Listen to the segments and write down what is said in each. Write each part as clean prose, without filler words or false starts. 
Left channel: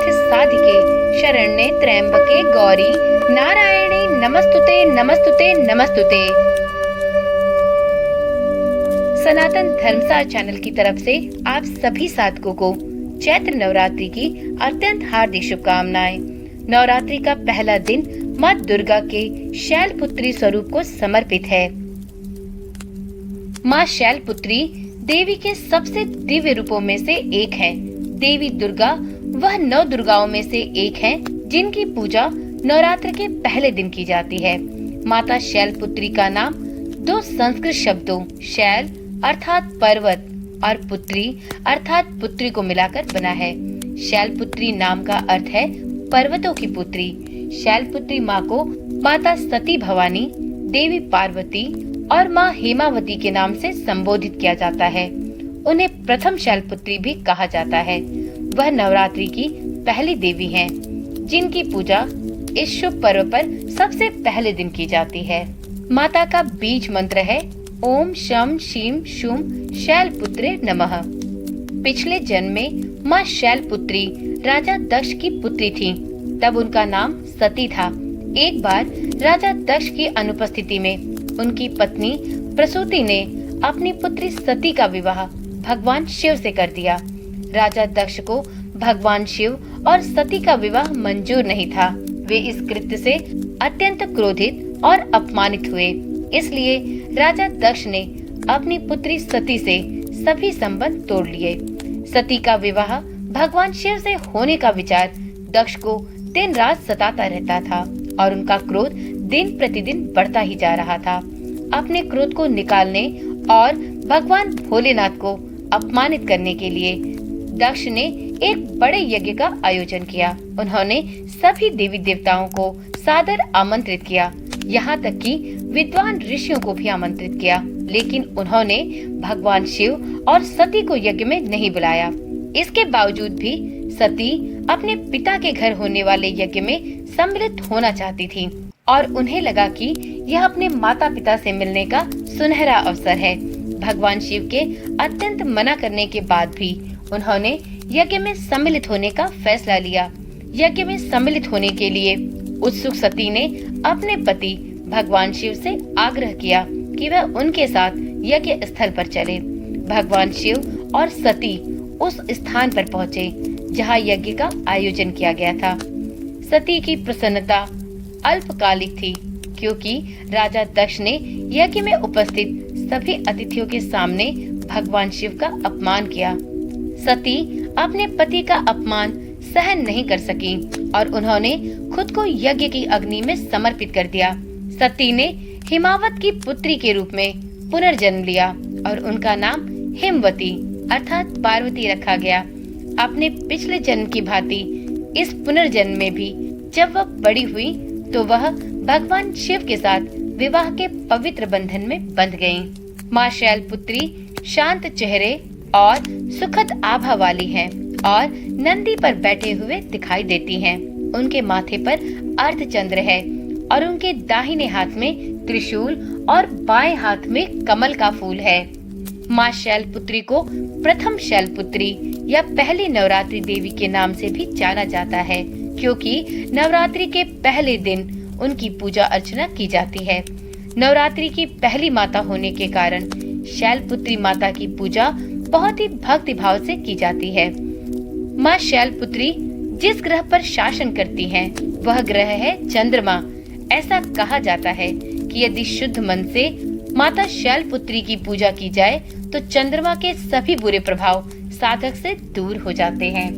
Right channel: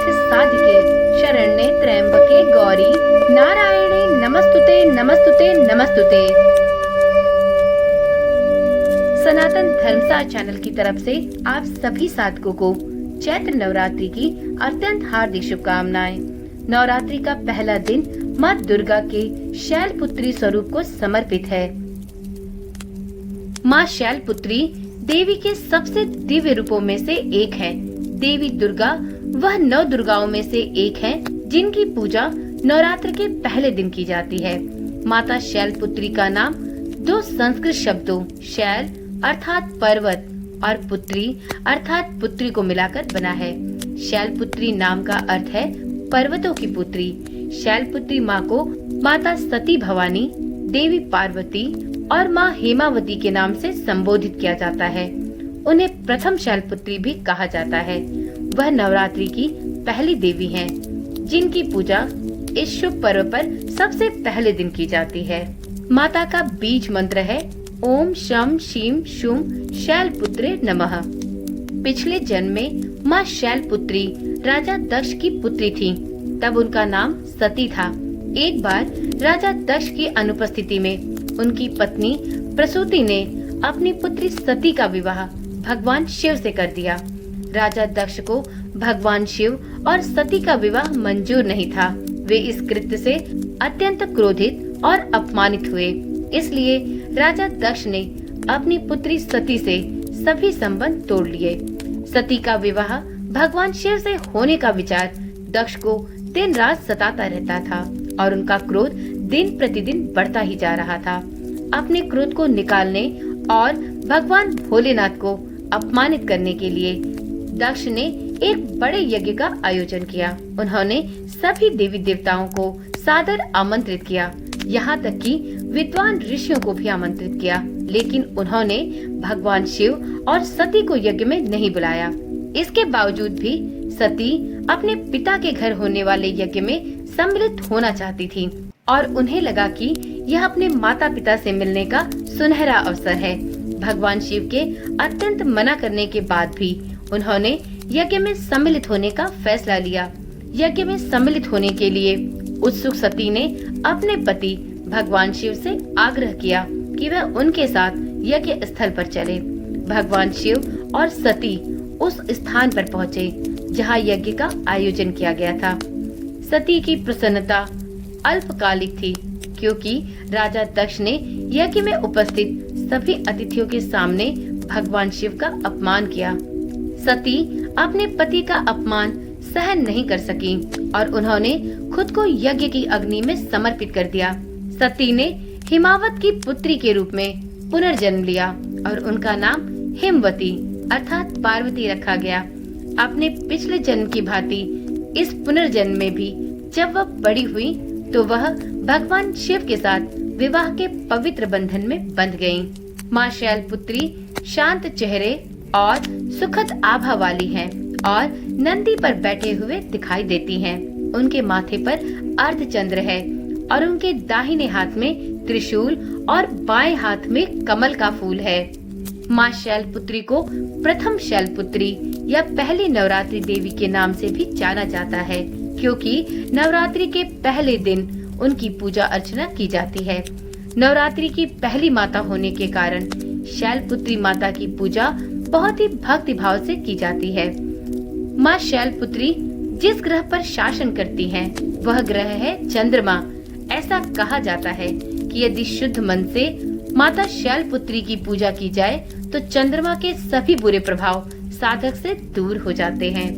सर्वार्थ साधिके शरण्ये त्र्यंबके गौरी नारायणी नमस्तुते नमस्तुते नमस्तुते। सनातन धर्मसार चैनल की तरफ से आप सभी साधकों को चैत्र नवरात्रि की अत्यंत हार्दिक शुभकामनाएं। नवरात्रि का पहला दिन माँ दुर्गा के शैलपुत्री स्वरूप को समर्पित है। माँ शैलपुत्री देवी के सबसे दिव्य रूपों में से एक है। देवी दुर्गा वह 9 दुर्गाओं में से एक है जिनकी पूजा नवरात्र के पहले दिन की जाती है। माता शैलपुत्री का नाम 2 संस्कृत शब्दों शैल अर्थात पर्वत और पुत्री अर्थात पुत्री को मिलाकर बना है। शैलपुत्री नाम का अर्थ है पर्वतों की पुत्री। शैलपुत्री माँ को माता सती भवानी, देवी पार्वती और माँ हेमावती के नाम से संबोधित किया जाता है। उन्हें प्रथम शैलपुत्री भी कहा जाता है। वह नवरात्रि की पहली देवी हैं, जिनकी पूजा इस शुभ पर्व पर सबसे पहले दिन की जाती है। माता का बीज मंत्र है ओम शम शीम शुम शैलपुत्रे नमः। पिछले जन्म में माँ शैलपुत्री राजा दक्ष की पुत्री थी, तब उनका नाम सती था। एक बार राजा दक्ष की अनुपस्थिति में उनकी पत्नी प्रसूति ने अपनी पुत्री सती का विवाह भगवान शिव से कर दिया। राजा दक्ष को भगवान शिव और सती का विवाह मंजूर नहीं था। वे इस कृत्य से अत्यंत क्रोधित और अपमानित हुए। इसलिए राजा दक्ष ने अपनी पुत्री सती से सभी संबंध तोड़ लिए। सती का विवाह भगवान शिव से होने का विचार दक्ष को दिन रात सताता रहता था और उनका क्रोध दिन प्रतिदिन बढ़ता ही जा रहा था। अपने क्रोध को निकालने और भगवान भोलेनाथ को अपमानित करने के लिए दक्ष ने एक बड़े यज्ञ का आयोजन किया। उन्होंने सभी देवी देवताओं को सादर आमंत्रित किया, यहाँ तक कि विद्वान ऋषियों को भी आमंत्रित किया, लेकिन उन्होंने भगवान शिव और सती को यज्ञ में नहीं बुलाया। इसके बावजूद भी सती अपने पिता के घर होने वाले यज्ञ में सम्मिलित होना चाहती थी और उन्हें लगा कि यह अपने माता पिता से मिलने का सुनहरा अवसर है। भगवान शिव के अत्यंत मना करने के बाद भी उन्होंने यज्ञ में सम्मिलित होने का फैसला लिया। यज्ञ में सम्मिलित होने के लिए उत्सुक सती ने अपने पति भगवान शिव से आग्रह किया कि वह उनके साथ यज्ञ स्थल पर चले। भगवान शिव और सती उस स्थान पर पहुँचे जहाँ यज्ञ का आयोजन किया गया था। सती की प्रसन्नता अल्पकालिक थी, क्योंकि राजा दक्ष ने यज्ञ में उपस्थित सभी अतिथियों के सामने भगवान शिव का अपमान किया। सती अपने पति का अपमान सहन नहीं कर सकी और उन्होंने खुद को यज्ञ की अग्नि में समर्पित कर दिया। सती ने हिमावत की पुत्री के रूप में पुनर्जन्म लिया और उनका नाम हिमवती अर्थात पार्वती रखा गया। अपने पिछले जन्म की भांति इस पुनर्जन्म में भी जब वह बड़ी हुई तो वह भगवान शिव के साथ विवाह के पवित्र बंधन में बंध गयी। माँ शैलपुत्री शांत चेहरे और सुखद आभा वाली हैं और नंदी पर बैठे हुए दिखाई देती हैं। उनके माथे पर अर्धचंद्र है और उनके दाहिने हाथ में त्रिशूल और बाएं हाथ में कमल का फूल है। माँ शैलपुत्री को प्रथम शैलपुत्री या पहली नवरात्रि देवी के नाम से भी जाना जाता है, क्योंकि नवरात्रि के पहले दिन उनकी पूजा अर्चना की जाती है। नवरात्रि की पहली माता होने के कारण शैलपुत्री माता की पूजा बहुत ही भक्ति भाव से की जाती है। माँ शैलपुत्री जिस ग्रह पर शासन करती हैं, वह ग्रह है चंद्रमा। ऐसा कहा जाता है कि यदि शुद्ध मन से माता शैलपुत्री की पूजा की जाए तो चंद्रमा के सभी बुरे प्रभाव साधक से दूर हो जाते हैं।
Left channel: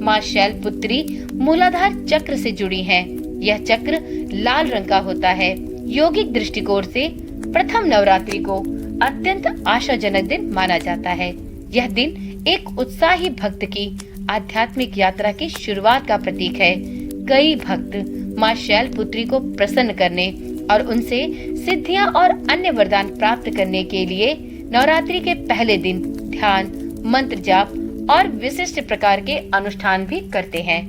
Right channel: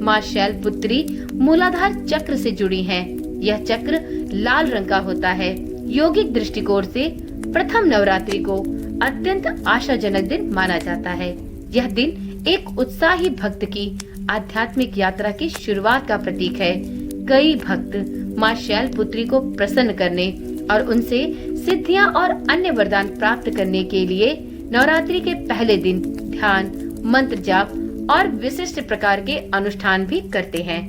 माँ शैलपुत्री मूलाधार चक्र से जुड़ी हैं। यह चक्र लाल रंग का होता है। योगिक दृष्टिकोण से प्रथम नवरात्रि को अत्यंत आशाजनक दिन माना जाता है। यह दिन एक उत्साही भक्त की आध्यात्मिक यात्रा की शुरुआत का प्रतीक है। कई भक्त माँ शैलपुत्री को प्रसन्न करने और उनसे सिद्धियां और अन्य वरदान प्राप्त करने के लिए नवरात्रि के पहले दिन ध्यान, मंत्र जाप और विशिष्ट प्रकार के अनुष्ठान भी करते हैं।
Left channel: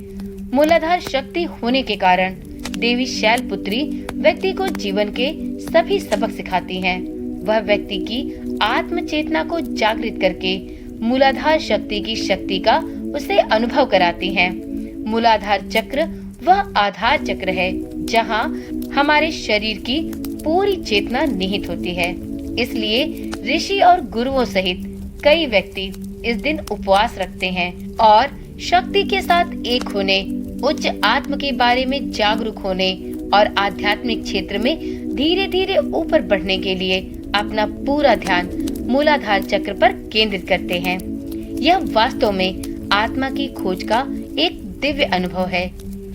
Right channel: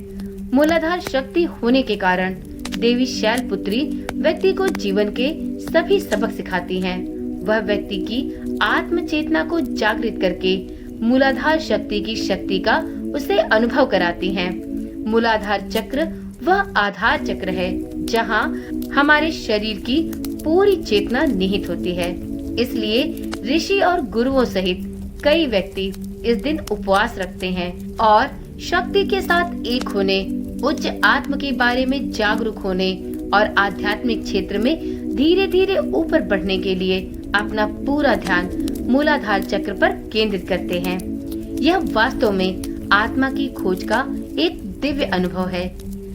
मूलाधार शक्ति होने के कारण देवी शैलपुत्री व्यक्ति को जीवन के सभी सबक सिखाती हैं। वह व्यक्ति की आत्म चेतना को जागृत करके मूलाधार शक्ति की शक्ति का उसे अनुभव कराती हैं। मूलाधार चक्र वह आधार चक्र है जहाँ हमारे शरीर की पूरी चेतना निहित होती है। इसलिए ऋषि और गुरुओं सहित कई व्यक्ति इस दिन उपवास रखते हैं और शक्ति के साथ एक होने, उच्च आत्म के बारे में जागरूक होने और आध्यात्मिक क्षेत्र में धीरे धीरे ऊपर बढ़ने के लिए अपना पूरा ध्यान मूलाधार चक्र पर केंद्रित करते हैं। यह वास्तव में आत्मा की खोज का एक दिव्य अनुभव है।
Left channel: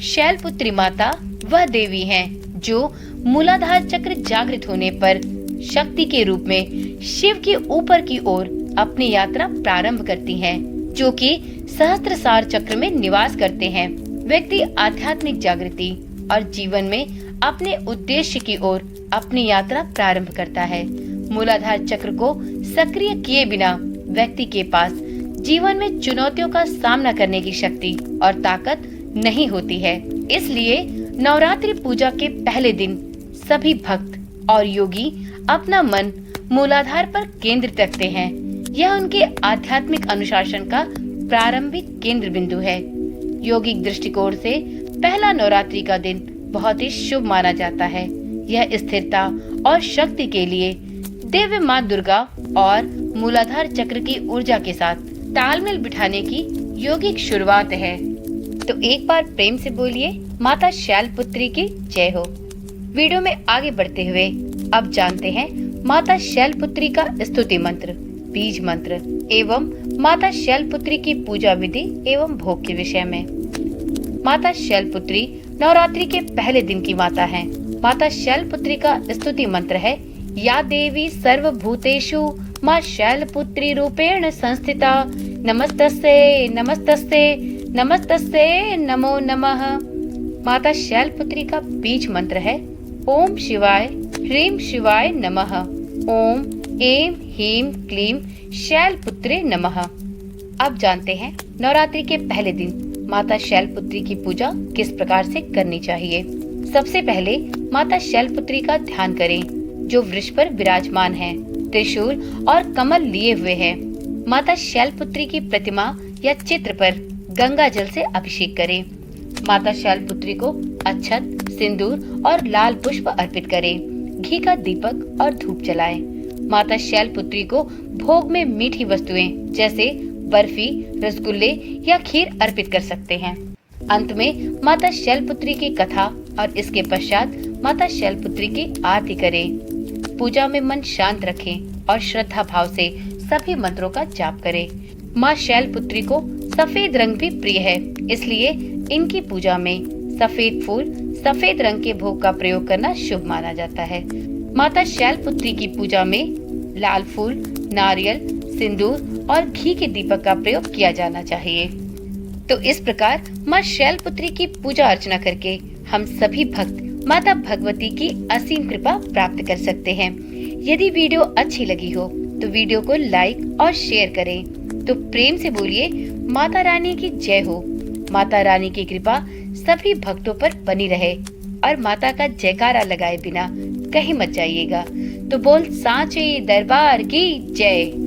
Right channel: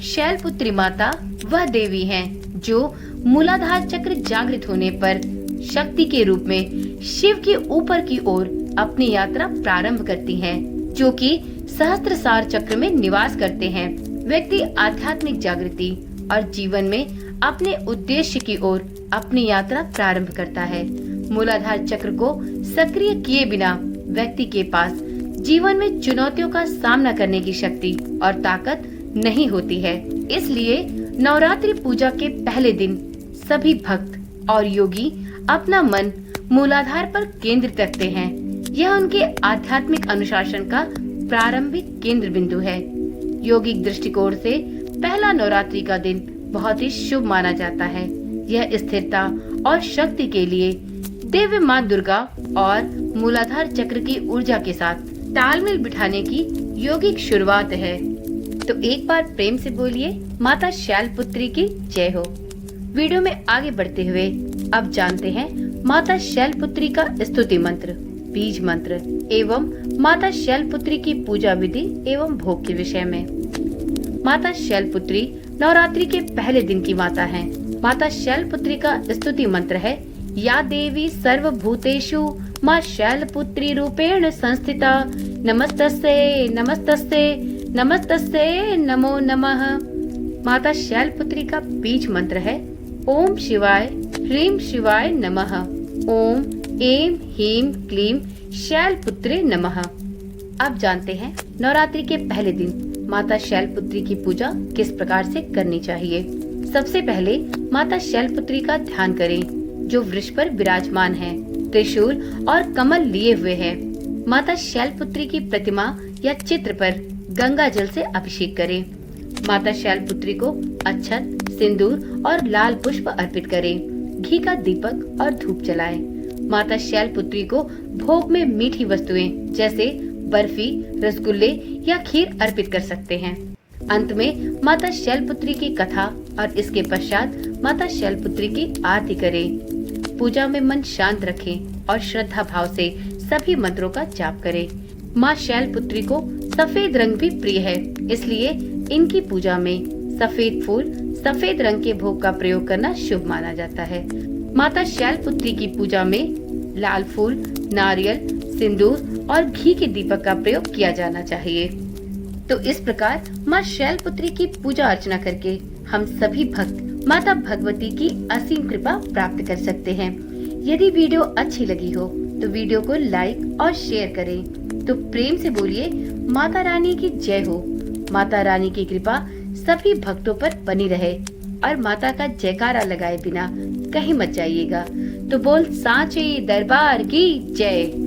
शैलपुत्री माता वह देवी हैं जो मूलाधार चक्र जागृत होने पर शक्ति के रूप में शिव के ऊपर की ओर अपनी यात्रा प्रारंभ करती हैं, जो कि सहस्त्रसार चक्र में निवास करते हैं। व्यक्ति आध्यात्मिक जागृति और जीवन में अपने उद्देश्य की ओर अपनी यात्रा प्रारंभ करता है। मूलाधार चक्र को सक्रिय किए बिना व्यक्ति के पास जीवन में चुनौतियों का सामना करने की शक्ति और ताकत नहीं होती है। इसलिए नवरात्रि पूजा के पहले दिन सभी भक्त और योगी अपना मन मूलाधार पर केंद्रित रखते हैं। यह उनके आध्यात्मिक अनुशासन का प्रारंभिक केंद्र बिंदु है। योगिक दृष्टिकोण से पहला नवरात्रि का दिन बहुत ही शुभ माना जाता है। यह स्थिरता और शक्ति के लिए दिव्य माँ दुर्गा और मूलाधार चक्र की ऊर्जा के साथ तालमेल बिठाने की योगिक शुरुआत है। तो एक बार प्रेम से बोलिए माता शैलपुत्री की जय हो। वीडियो में आगे बढ़ते हुए अब जानते हैं माता शैलपुत्री का स्तुति मंत्र, बीज मंत्र एवं माता शैलपुत्री की पूजा विधि एवं भोग के विषय में। माता शैलपुत्री नवरात्रि के पहले दिन की माता हैं। माता शैलपुत्री का स्तुति मंत्र है, या देवी सर्वभूतेषु माँ शैलपुत्री रूपेण संस्थिता, नमस्तस्यै नमस्तस्यै नमस्तस्यै नमो नमः। माता शैलपुत्री का बीज मंत्र है, ओम शिवाय ह्रीं शिवाय नमः, ओम ऐं ह्रीं क्लीं शैलपुत्रे नमः। अब जानते हैं नवरात्रि के पहले दिन माता शैलपुत्री की पूजा किस प्रकार से करनी चाहिए। सबसे पहले माता शैलपुत्री का ध्यान करें, जो वृक्ष पर विराजमान है, त्रिशूल और कमल लिए हुए है। माता शैलपुत्री की प्रतिमा या चित्र पर गंगा जल से अभिषेक करें। माता शैलपुत्री को अक्षत, सिंदूर और लाल पुष्प अर्पित करें। घी का दीपक और धूप जलाएं। माता शैलपुत्री को भोग में मीठी वस्तुएं जैसे बर्फी, रसगुल्ले या खीर अर्पित कर सकते हैं। अंत में माता शैलपुत्री की कथा और इसके पश्चात माता शैलपुत्री की आरती करें। पूजा में मन शांत रखें और श्रद्धा भाव से सभी मंत्रों का जाप करें। माँ शैलपुत्री को सफेद रंग भी प्रिय है, इसलिए इनकी पूजा में सफेद फूल, सफेद रंग के भोग का प्रयोग करना शुभ माना जाता है। माता शैलपुत्री की पूजा में लाल फूल, नारियल, सिंदूर और घी के दीपक का प्रयोग किया जाना चाहिए। तो इस प्रकार माँ शैलपुत्री की पूजा अर्चना करके हम सभी भक्त माता भगवती की असीम कृपा प्राप्त कर सकते हैं। यदि वीडियो अच्छी लगी हो तो वीडियो को लाइक और शेयर करें। तो प्रेम से बोलिए माता रानी की जय हो। माता रानी की कृपा सभी भक्तों पर बनी रहे और माता का जयकारा लगाए बिना कहीं मत जाइएगा। तो बोल सांचे दरबार की जय।